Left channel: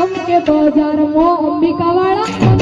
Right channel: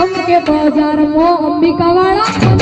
संघ के बाजार में अंबिका वाला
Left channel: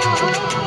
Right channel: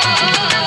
Thank you.